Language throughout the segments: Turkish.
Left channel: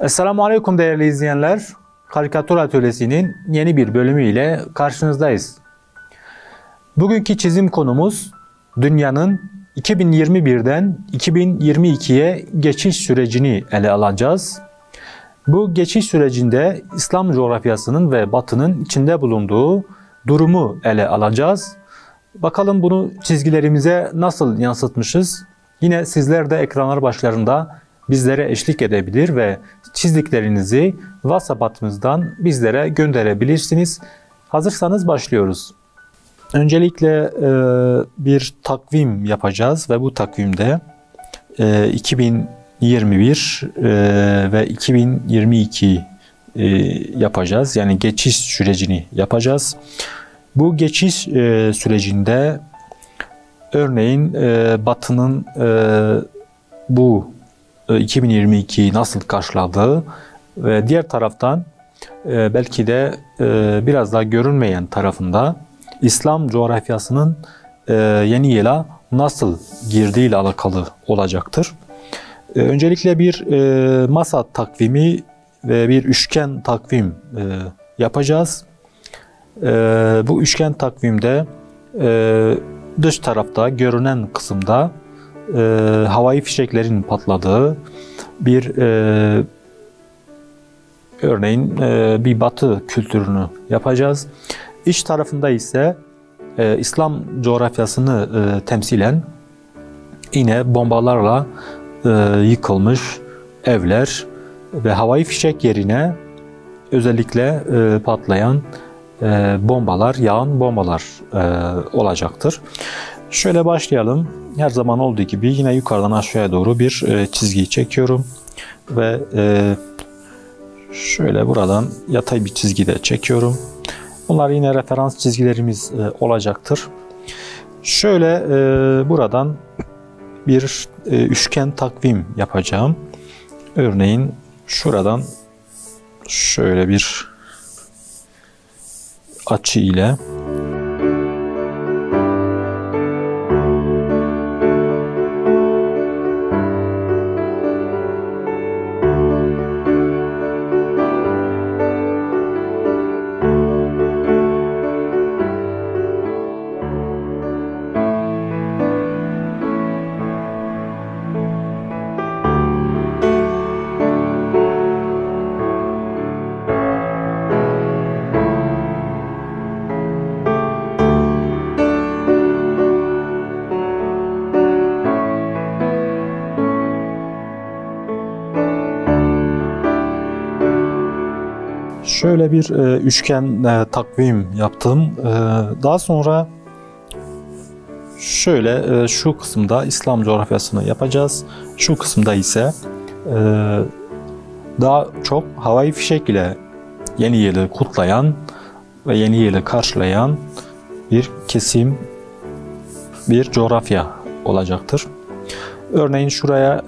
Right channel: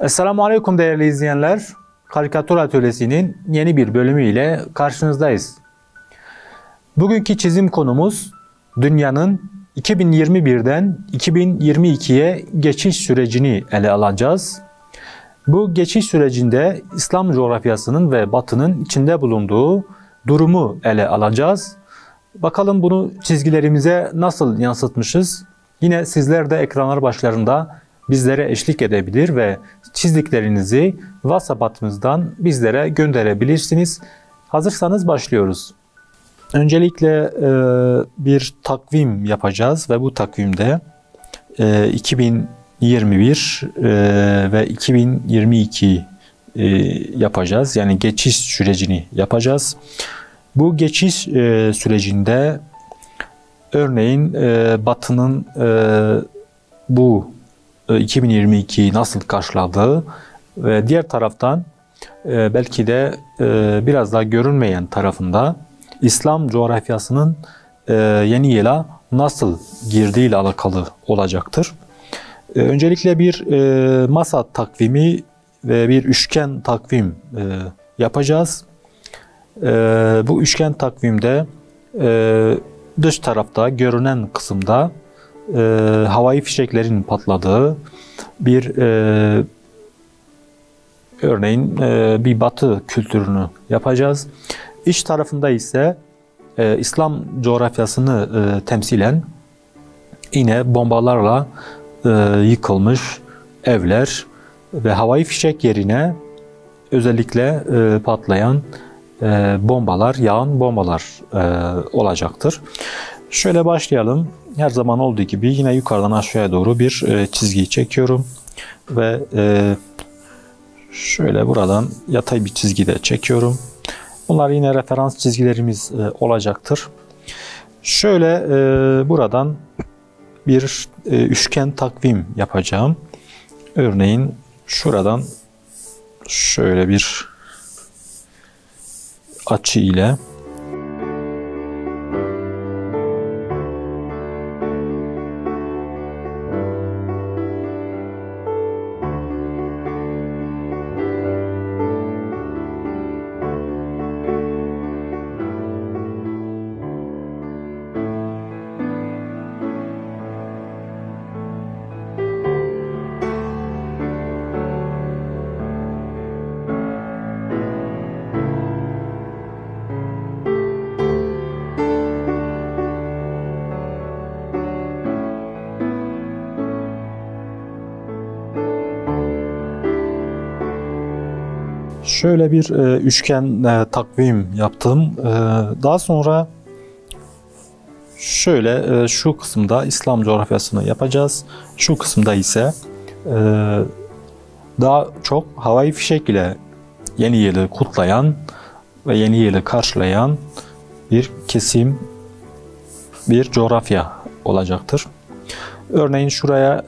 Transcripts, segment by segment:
Esselamu Aleyküm değerli izleyenler. Karikatür Atölyesi'nin yeni bir bölümüyle karşınızdayız. Bugünkü çizim konumuz dünyanın 2021'den 2022'ye geçiş sürecini ele alacağız. Bu geçiş sürecinde İslam coğrafyasının ve Batı'nın içinde bulunduğu durumu ele alacağız. Bakalım bunu çizgilerimize nasıl yansıtmışız? Yine sizler de ekranlar başlarında bizlere eşlik edebilir ve çizdiklerinizi WhatsApp hattımızdan bizlere gönderebilirsiniz. Hazırsanız başlıyoruz. Öncelikle bir takvim yapacağız ve bu takvimde 2021 ve 2022 yapacağız. Yani geçiş sürecini yapacağız. Bu geçiş sürecinde örneğin Batı'nın bu 2022'yi nasıl karşıladığı ve diğer taraftan belki de biraz daha görünmeyen tarafında İslam coğrafyasının yeni yıla nasıl girdiği ile alakalı olacaktır. Öncelikle bir masa takvimi ve bir üçgen takvim yapacağız. Bu üçgen takvimde dış tarafta görünen kısımda havai fişeklerin patladığı bir örneğin bir Batı kültürünü yapacağız. İç tarafında ise İslam coğrafyasını temsilen yine bombalarla yıkılmış evler ve havai fişek yerine özellikle patlayan bombalar, yağan bombalar olacaktır. Şöyle başlayalım. Her zaman olduğu gibi yine yukarıdan aşağıya doğru bir çizgi çekiyorum ve şöyle buradan yatay bir çizgi de çekiyorum. Bunlar yine referans çizgilerimiz olacaktır. Şöyle buradan bir üçgen takvim yapacağım. Örneğin şuradan şöyle bir açı ile şöyle bir üçgen takvim yaptım. Daha sonra şöyle şu kısımda İslam coğrafyasını yapacağız. Şu kısımda ise daha çok havai fişek ile yeni yılı kutlayan ve yeni yılı karşılayan bir kesim, bir coğrafya olacaktır. Örneğin şuraya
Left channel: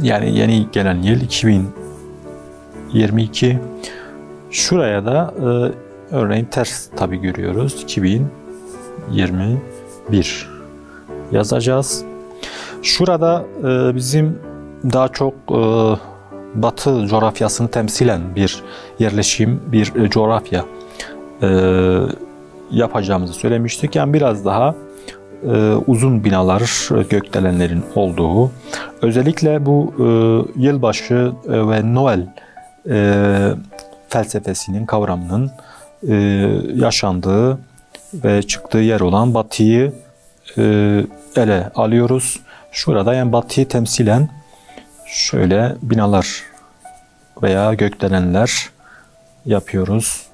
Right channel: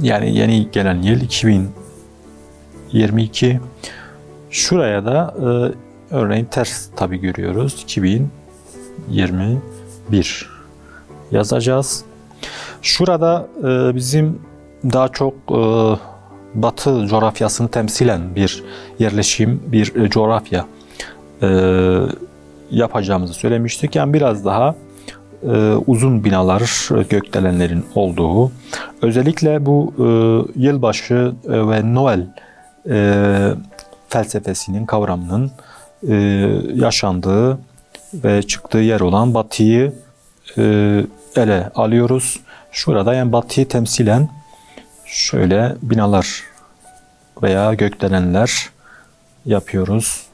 yani yeni gelen yıl 2022. Şuraya da örneğin ters tabi görüyoruz. 2021 yazacağız. Şurada bizim daha çok Batı coğrafyasını temsilen bir yerleşim, bir coğrafya yapacağımızı söylemiştik. Yani biraz daha uzun binalar, gökdelenlerin olduğu, özellikle bu yılbaşı ve Noel felsefesinin, kavramının yaşandığı ve çıktığı yer olan Batı'yı ele alıyoruz. Şurada yani Batı'yı temsilen şöyle binalar veya gökdelenler yapıyoruz.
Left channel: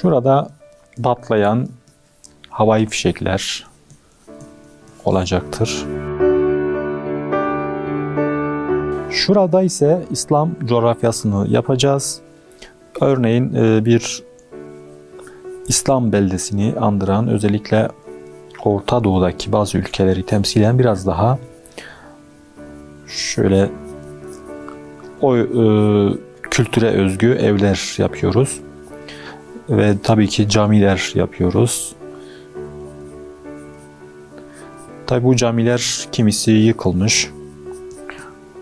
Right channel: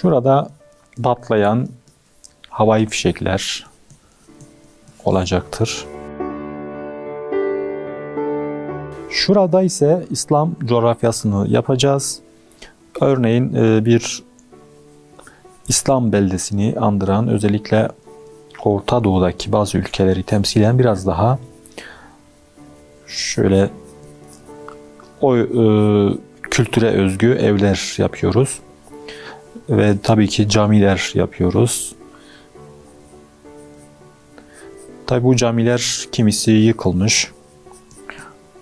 Şurada patlayan havai fişekler olacaktır. Şurada ise İslam coğrafyasını yapacağız. Örneğin bir İslam beldesini andıran, özellikle Orta Doğu'daki bazı ülkeleri temsilen biraz daha Şöyle o kültüre özgü evler yapıyoruz. Ve tabii ki camiler yapıyoruz. Tabii bu camiler kimisi yıkılmış,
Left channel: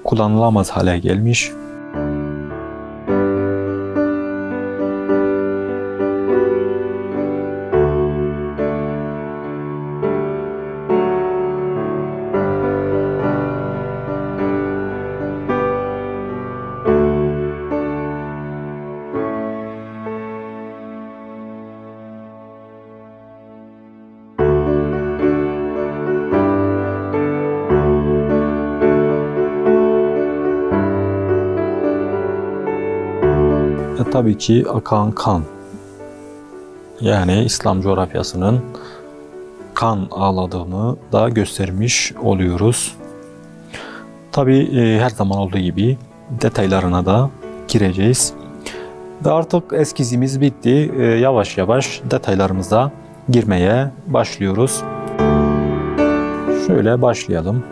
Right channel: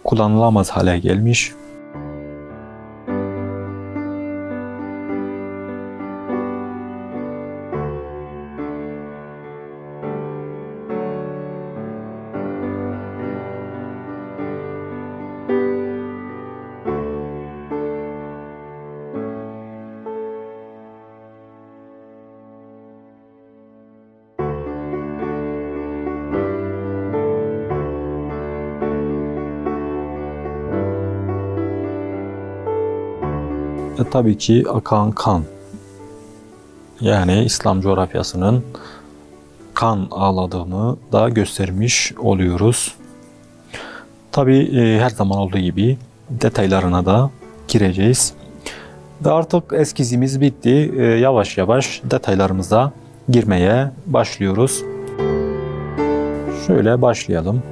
kullanılamaz hale gelmiş. Tabii ki akan kan, yani İslam coğrafyasının kan ağladığını da göstermiş oluyoruz. Tabii her zaman olduğu gibi detaylarına da gireceğiz. Ve artık eskizimiz bitti. Yavaş yavaş detaylarımıza girmeye başlıyoruz. Şöyle başlayalım.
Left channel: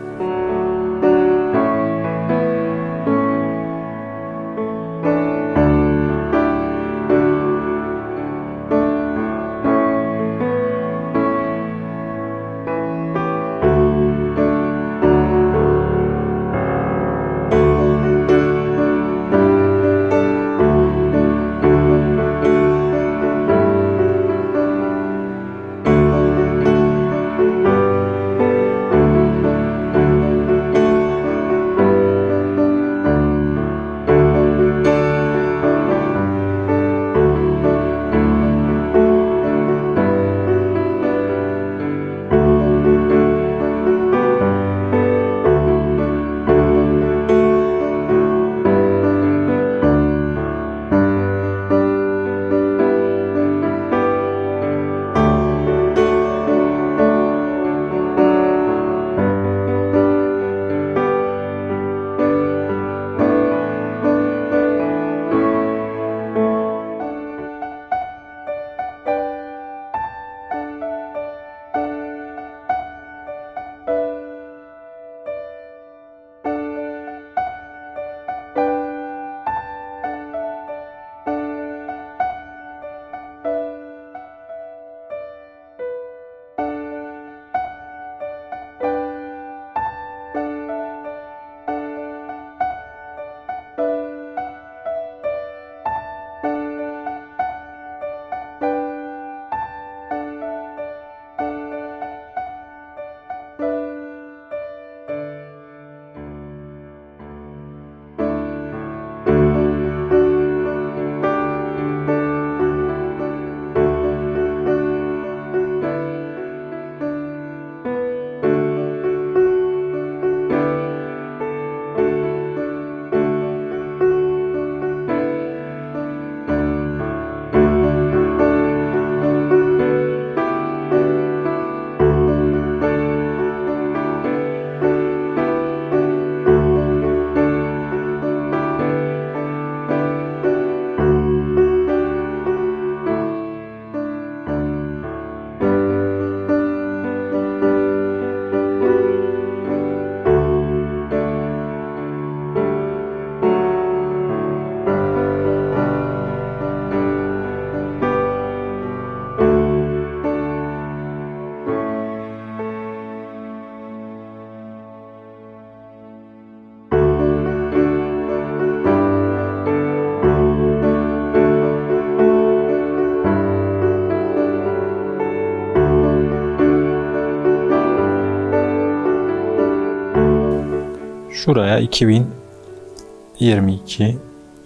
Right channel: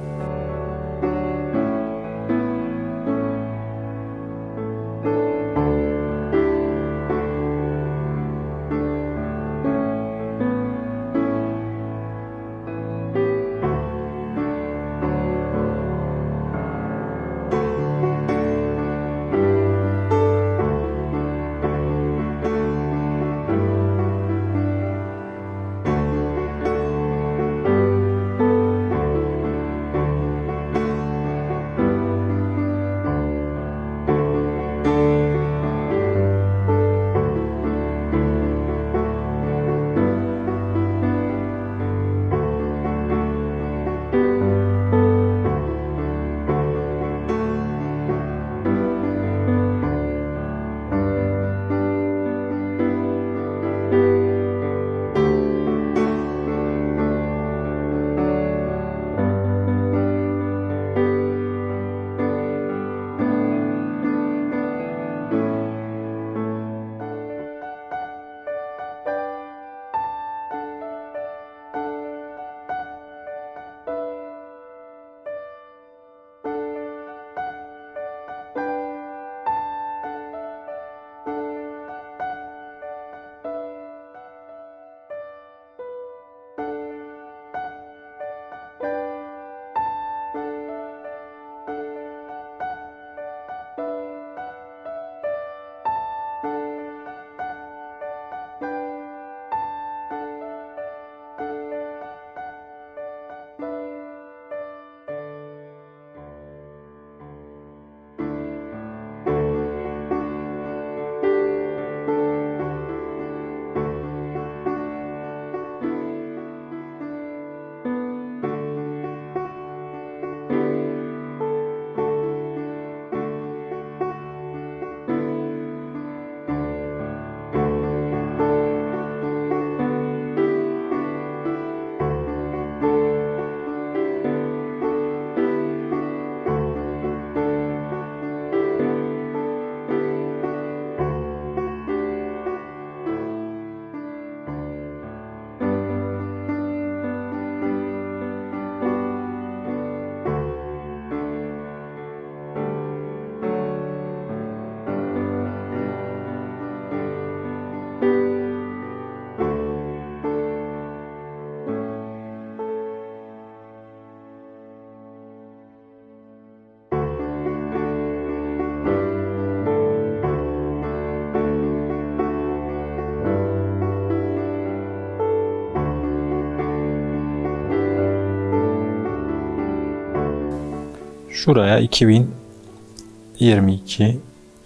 Şuraya 2022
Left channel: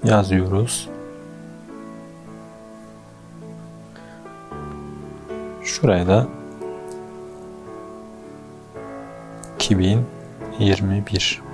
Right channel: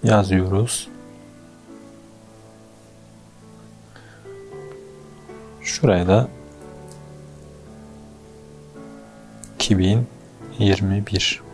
yazıyoruz. Şuraya da 2021.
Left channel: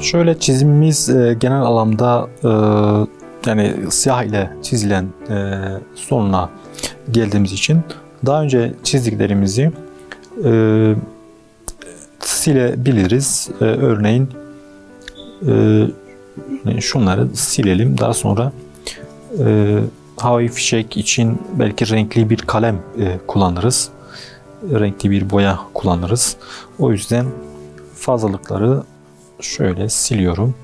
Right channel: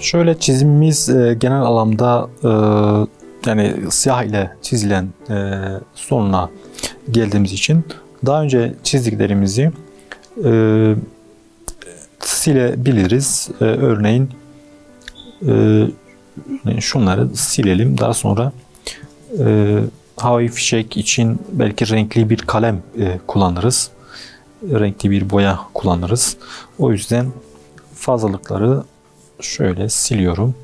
Şöyle çizimimiz genel anlamda yani siyah ile çizilen sonuna geldiğimiz için daha önce çizdiklerimizi silebiliriz. Örneğin şunları silelim. Daha sonra havai fişek için belki renkli bir kalem kullanırız. Renkli bir boya kullanırız. O yüzden fazlalıkları şöyle siliyorum.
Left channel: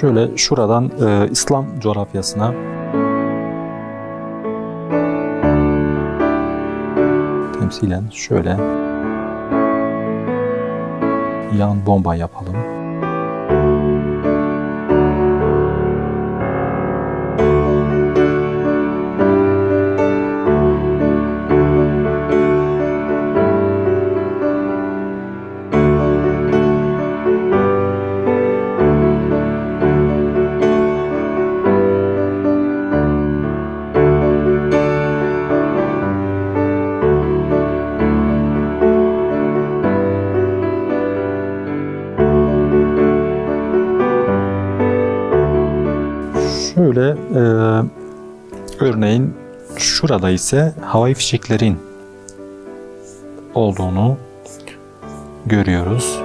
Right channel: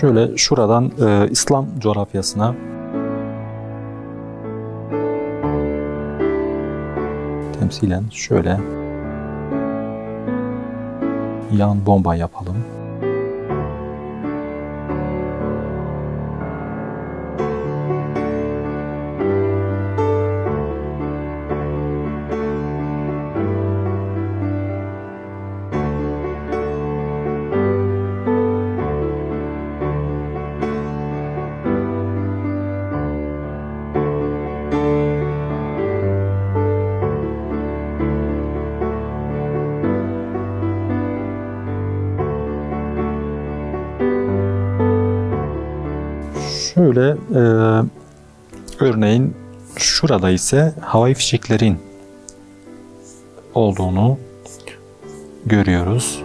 Şöyle şuradan İslam coğrafyasına temsilen şöyle yan bomba yapalım. Şöyle örneğin şurada ise havai fişeklerin olduğunu görüyoruz.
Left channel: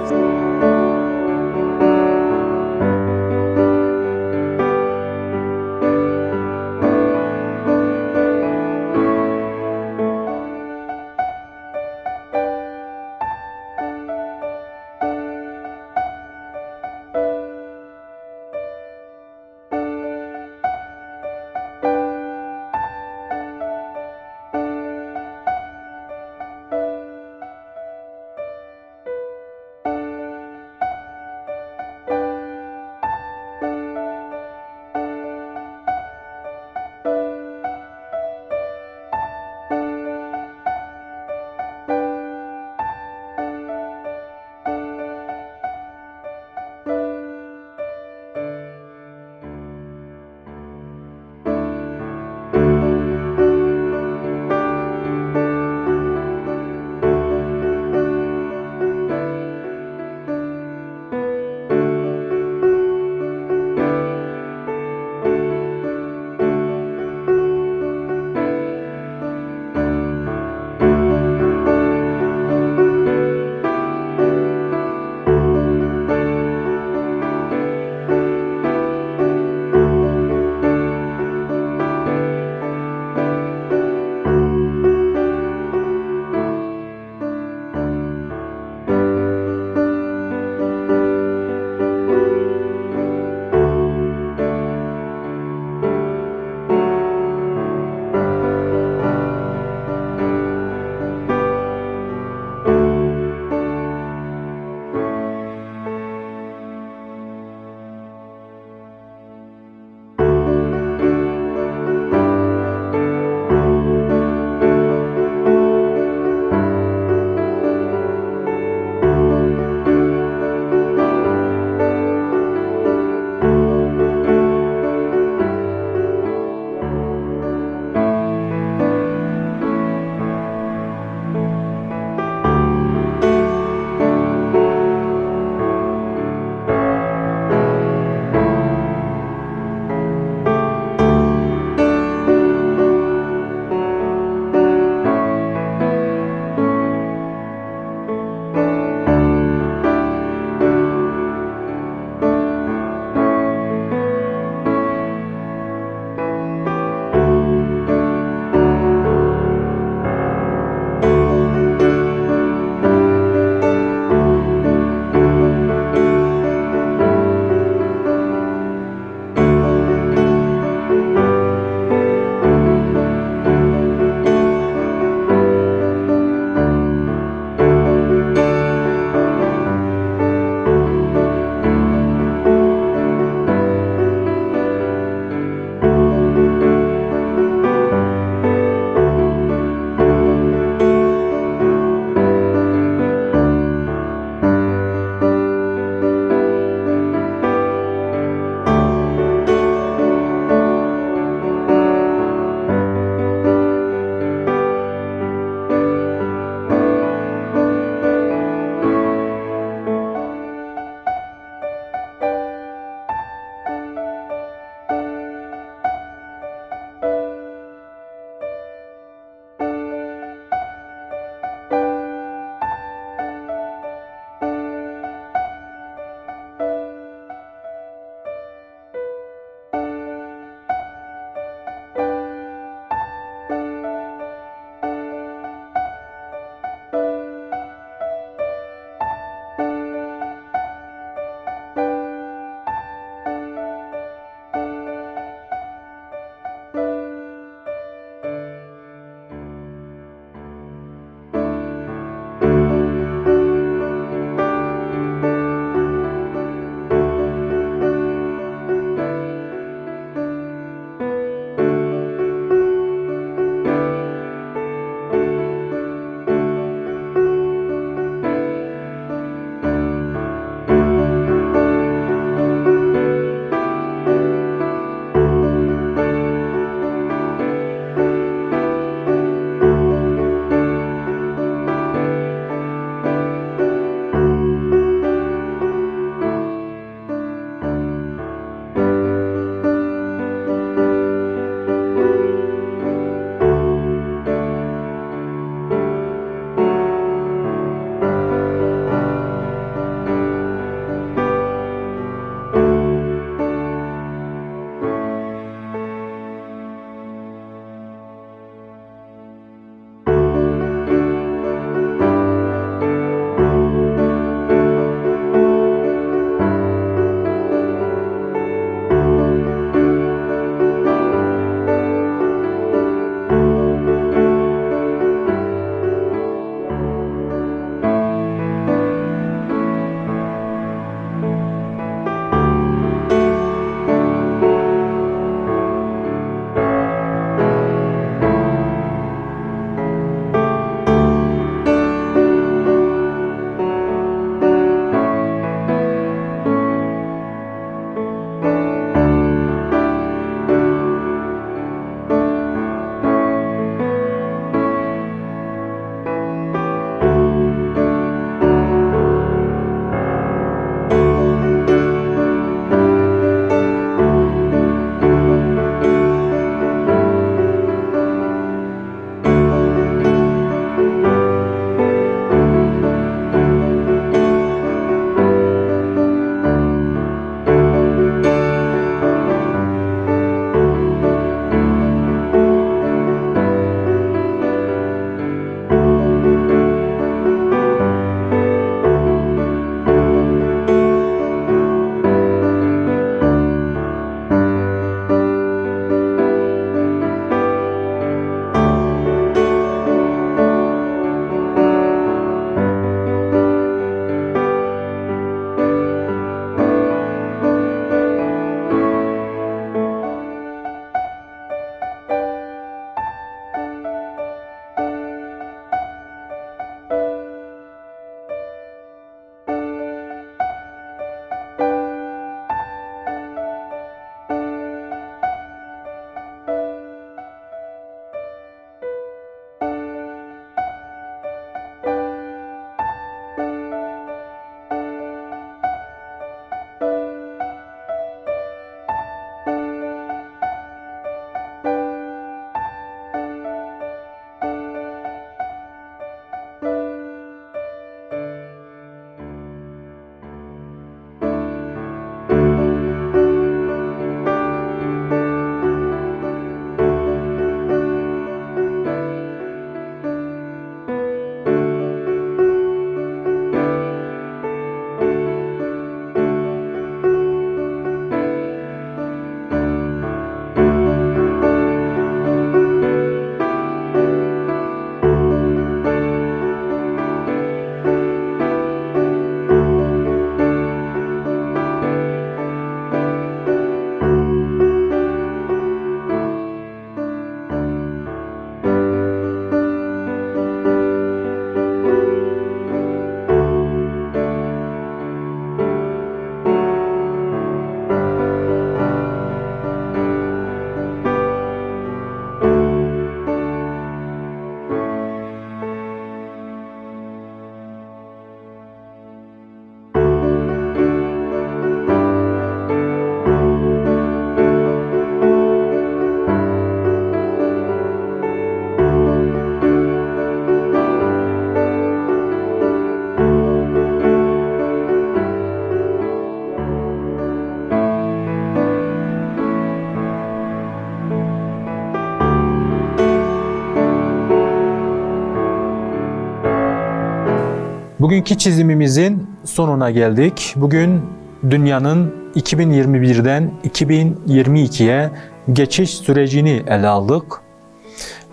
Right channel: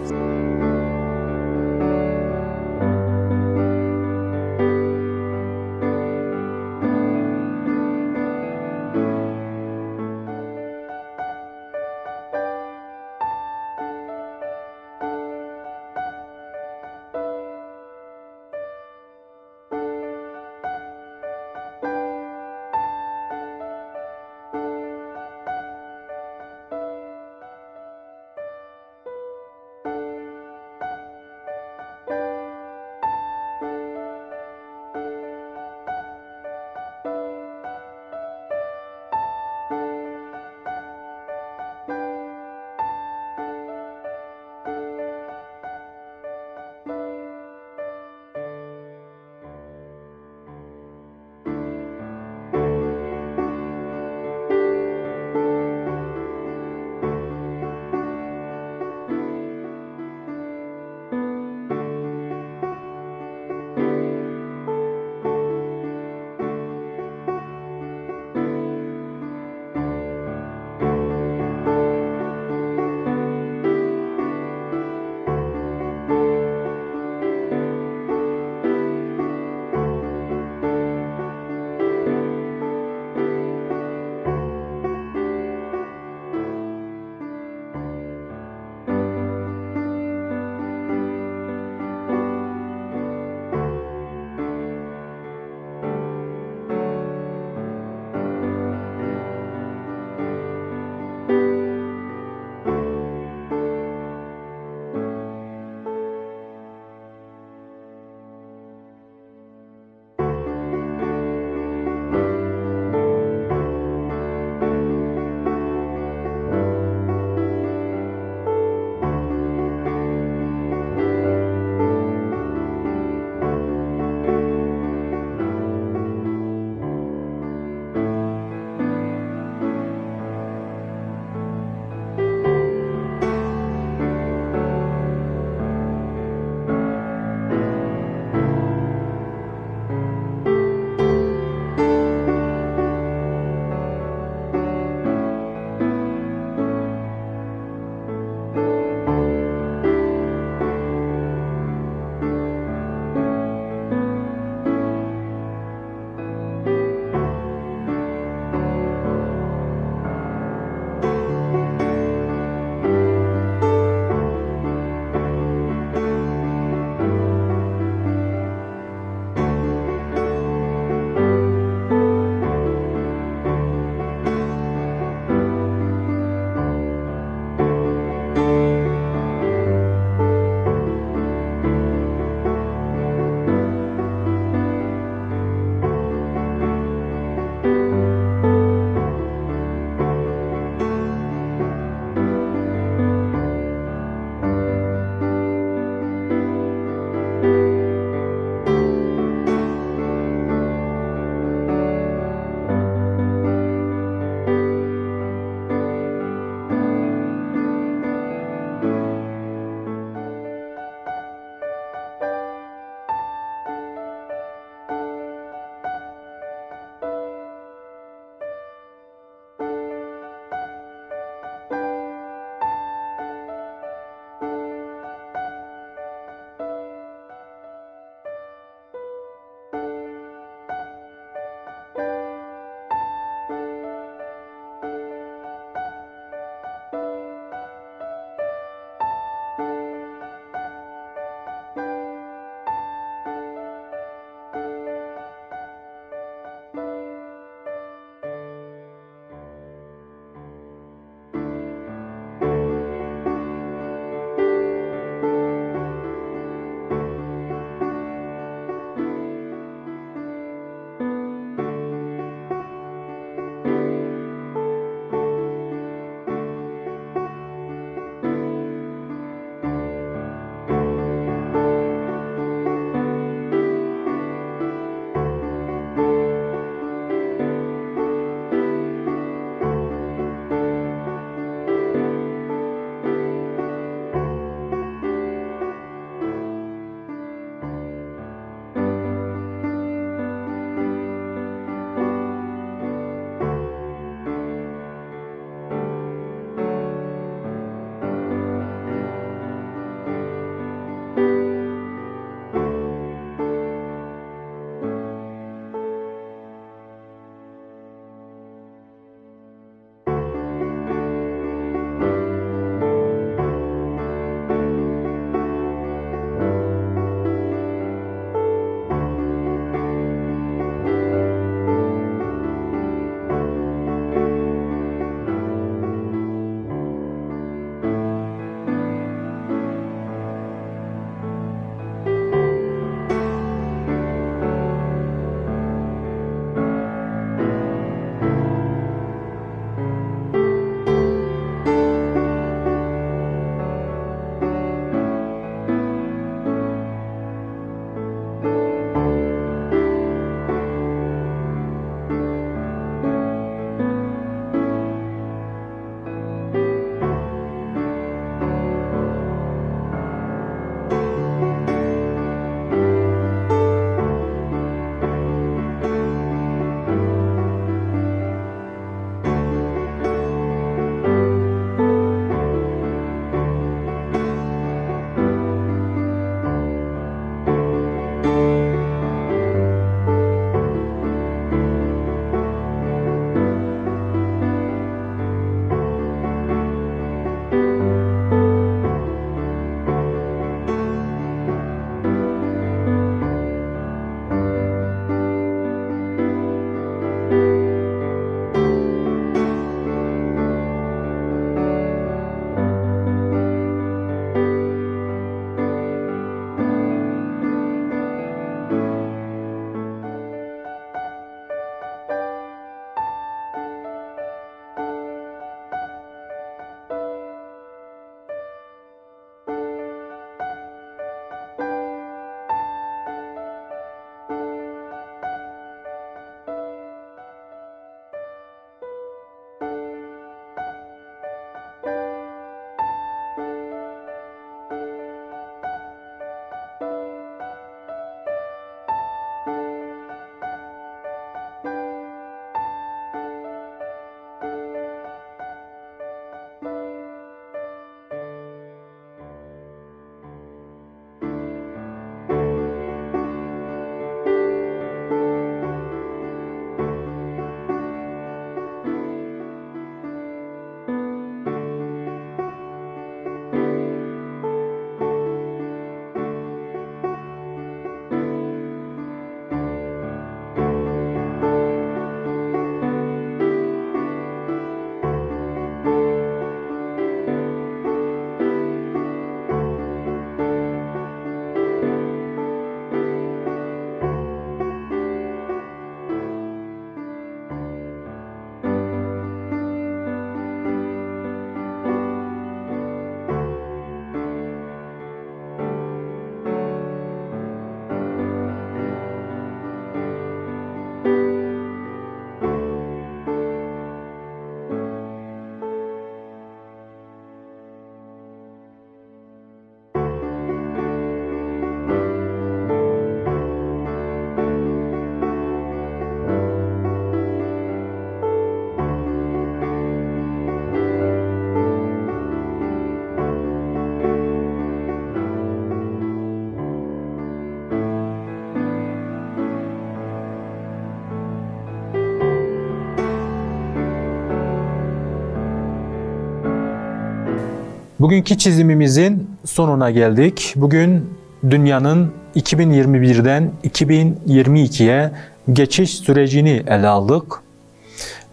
Bugünkü çizimimizin sonuna geldik. Bugün dünyanın 2021'den 2022'ye geçiş sürecini ele aldık.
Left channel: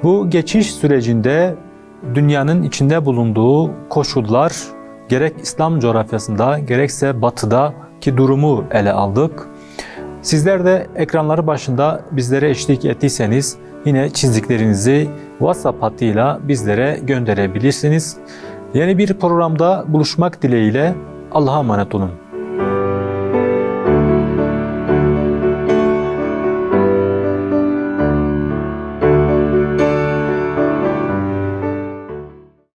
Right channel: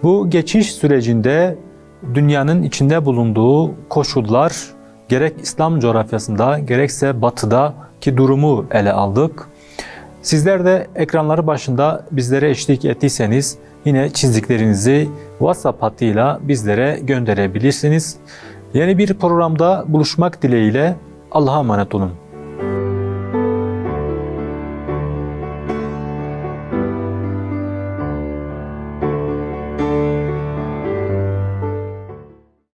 Bu geçiş sürecinde dünyanın içinde bulunduğu koşullar, gerek İslam coğrafyasında gerekse batıdaki durumu ele aldık. Sizler de ekranları başında bizlere eşlik ettiyseniz yine çizdiklerinizi WhatsApp hattıyla bizlere gönderebilirsiniz. Yeni bir programda buluşmak dileğiyle Allah'a emanet olun.